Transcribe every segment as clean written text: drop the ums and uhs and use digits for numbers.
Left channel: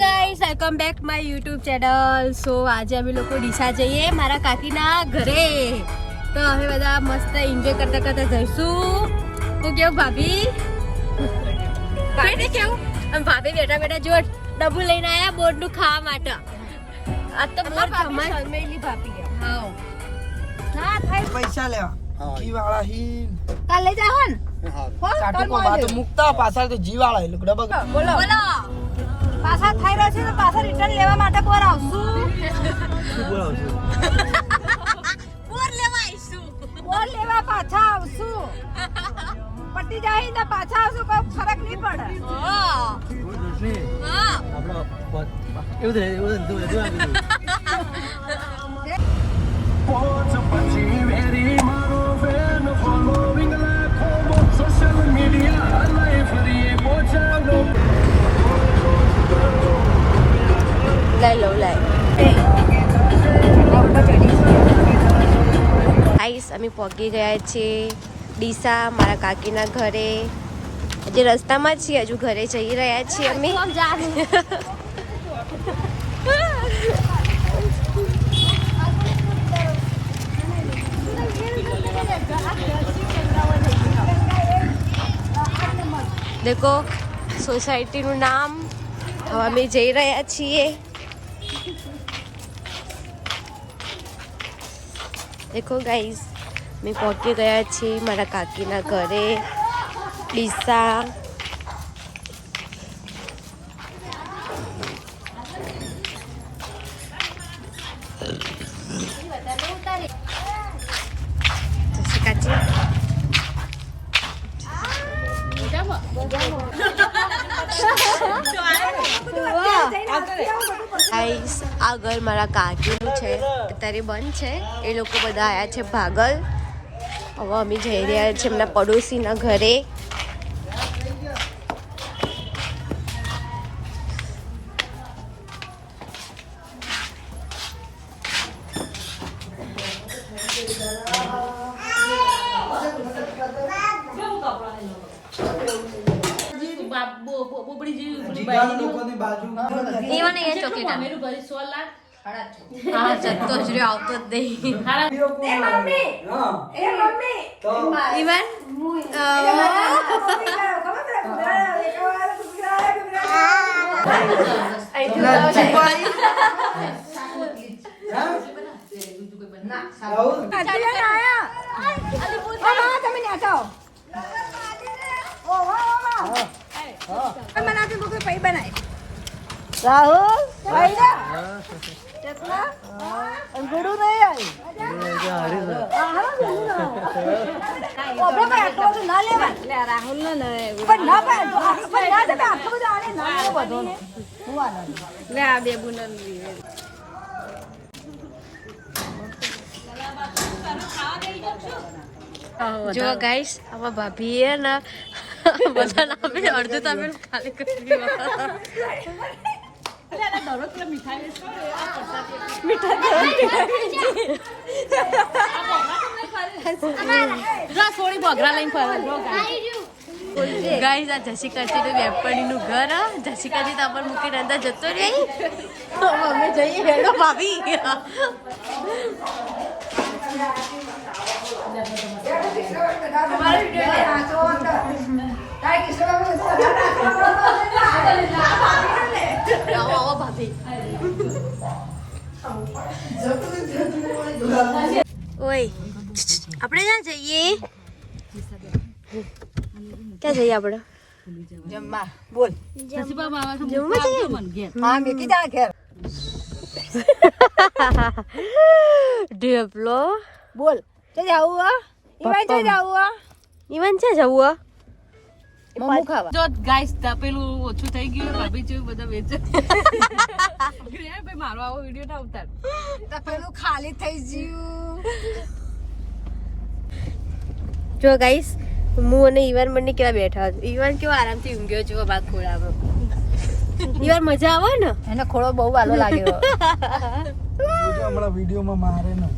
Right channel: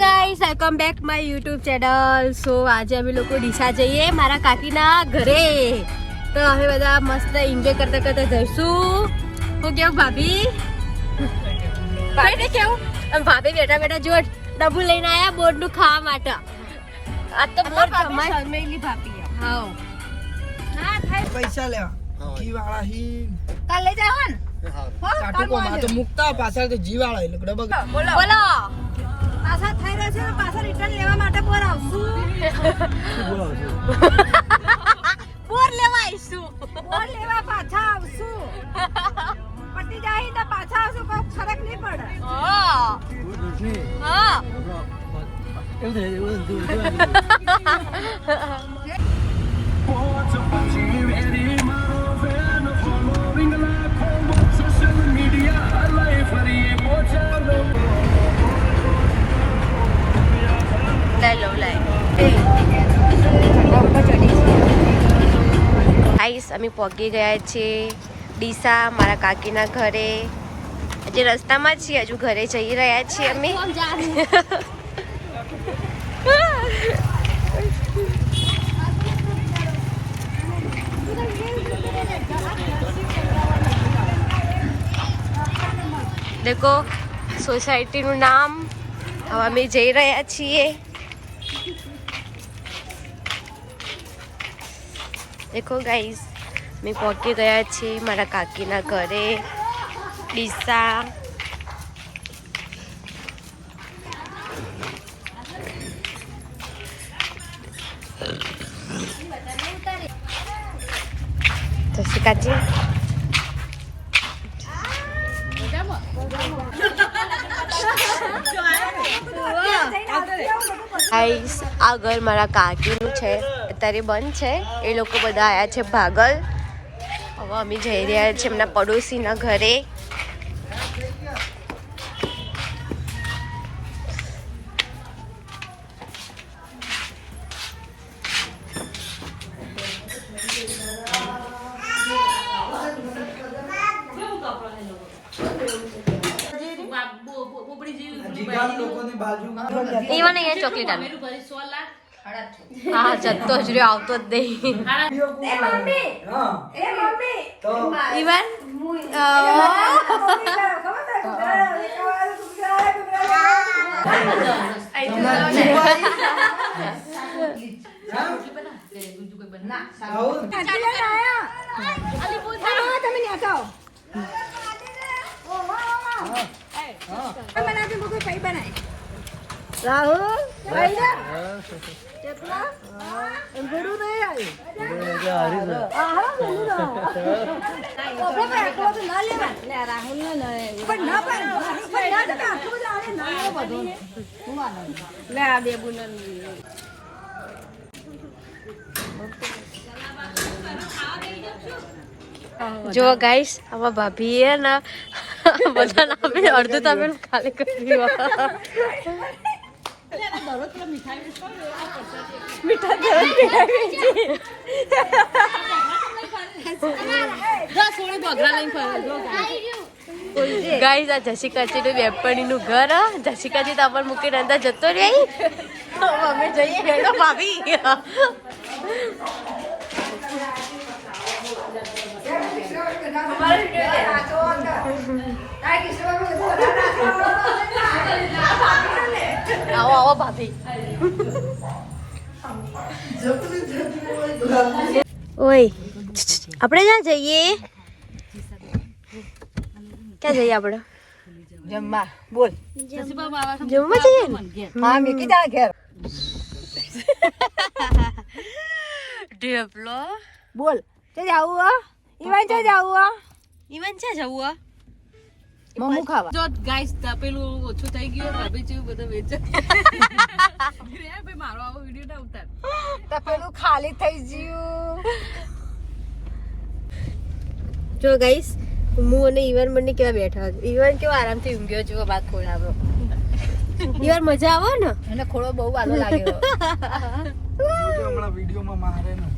Guys welcome back my YouTube channel. So આજે અમે લોકો ડીસા જઈએ મારા કાકીના ઘરે. તો હવે બધા મસ્ત એન્જોય કરતા કરતા જઈશું. હું કેવું ભાભી ભાભી કેવું ભાભી બેઠા બેઠા જો ડબ્બુ લઈને આયા બોર્ડ નું ખાવા માટે. આ તો ભાભી શરમેલી ભાભી. હા પૈસા લેવા જી વાળા હી કાલ લઈ જાવ ને. કાટુ કો બાતો મુકતા પાછળ તો જી વાળા એ લોકો ડબલ બોલો બોલો પાછા થઈ રહ્યા છે તો પાછા રિટર્ન લેવા માટે પર આવશું. શું બોલો છો પોર લેવા આવીશું. પોર લેવા પાછા આવશું. પટ્ટી જાય ને પાછા આવશું કોઈ ફરક નહીં પડે. હા હા એવું ગાઈસ અમે પહોંચી ગયા છીએ ડીસા મારા કાકીના ઘરે. હજી રસ્તામાં જ છીએ, હજુ ઘરે જઈ રહ્યા છીએ અમે. દેખો સોસાયટીનું નામ. હવે અમે જઈ રહ્યા છીએ. દેખો ગાઈસ મેં પહોંચી ગયા છીએ મારા કાકીના ઘરે ડીસા. કાચી ગાઈસ આ ઘર મારા કાકીનું છે. અત્યારે બંધ છે. એ લોકો બધા આવ્યા છે ભાગલ. હવે અમે જઈ રહ્યા છીએ એમના પડોશીના ઘરે. એવા નહીં ચોકલેટ હા જતો જ રહ્યો, આવતો જ નહીં. રાહુલ ગુરુ નહીં આવી રાહુલ ને બેબુ જો ગાઈસ આમાં ભાભી હે ને બધા નામે અડધું તમે ખાલી કર્યું. ગાઈસ આ જશિકાજી નું વેપારી નું ઘર. જશિકાજી તો અમાર મૂકીને અંદર જતો રહી. અમે જઈએ હેડો ભાભી. આવો આવો ભાભી. ઓય આપણે ક્યાં જઈએ? ક્યાં જઈએ આપણે? જમવા. બોલ જમવા જઈએ. હા મીકી જા ઘેર. ઢેપલો બોલ છે જાવું આ ઈવાન છે જાવું આ ઈવાન છે જાવું આ મમ્મુ ખાવા. જો ગાઈસ પેલું ઓછું થઈ ગયું ભાભી જેવું બધા વેચે. ભાઈ મારો આવો વિડિયો ના ઉતાર તો પેલું ખાલી થઈ ગયું. જો ગાઈસ હું અને ઈવાન બંને કેવા બેઠા હતા. ઈવાન કેવો આરામથી ઊંઘ્યો છે બાદ ખોળામાં. યાર મજા આવે ને એને ખોળો બહુ વાલો લાગ્યો હમણાં વિડીયોમાં મારે ને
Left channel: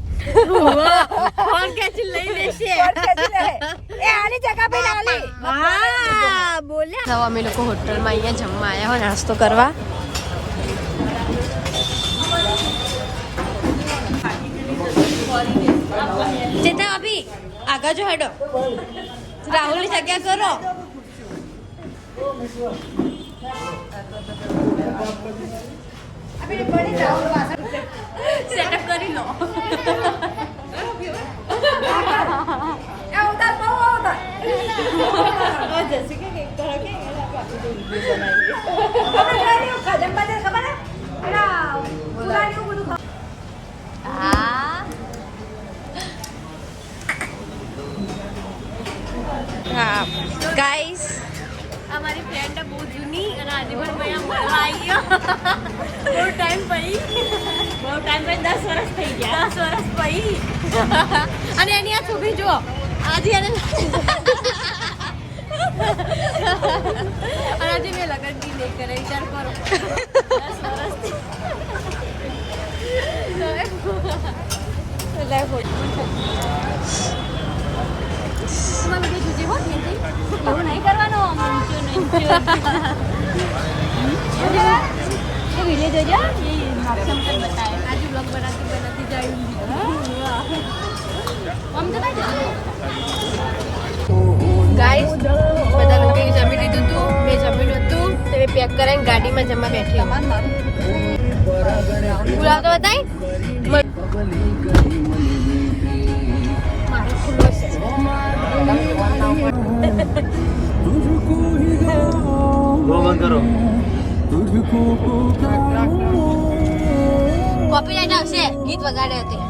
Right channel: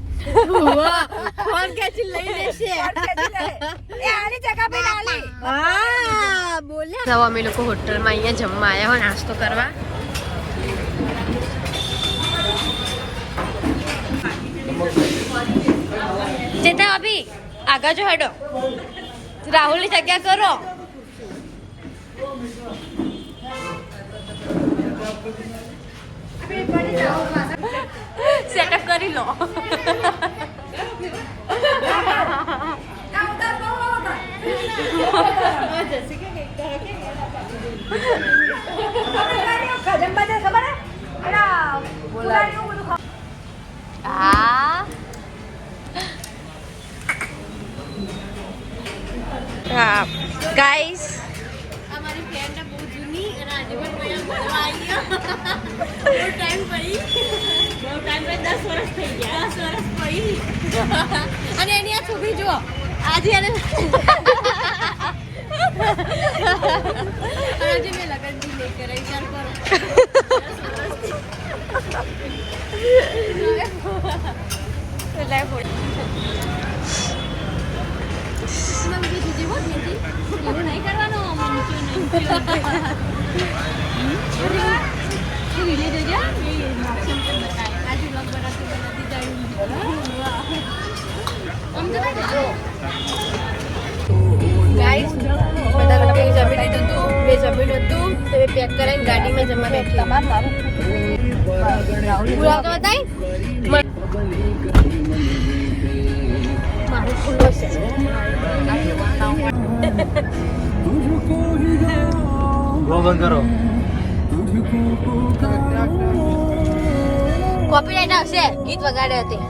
ફોન ખેંચી લઈ લેશે એ આલી જગા પર આલી હા બોલ્યા જાવ અમે લોકો હોટલમાં અહીંયા જમવા આવ્યા હોય નાસ્તો કરવા ચેતા અભી આગળ જો હેડો રાહુલની જગ્યા કરો સેટઅપ કરી લો ગાઈસ અમારી ફ્રેન્ડ બહુ જૂની અને આજે પણ ભાઈ મળવા આવી ગયો બહુ ટાઈમ પછી 10 વર્ષ થઈ ગયા 10 વર્ષ પછી અને એની આ છોકરી જુઓ આજે એને આજે મેં લગન બી નહીં કરે વિચાર કરો 10 વર્ષ તમારે બીજી જુદી હોત ને એવું નહીં કરવાનું વિલેજ જોજો ઓપ્શન પણ બતાવે આજે બ્લોગ બનાવતી જાય આમ તો ગાઈસ બધા લોકો જમી લીધું હતું મેં જમેલું હતું તો મેં પેક કરીને ગાડીમાં જમવા બેઠી બોલાવ તો બતાય કોપીરાઈટ આવશે ગીત વગાડે હતી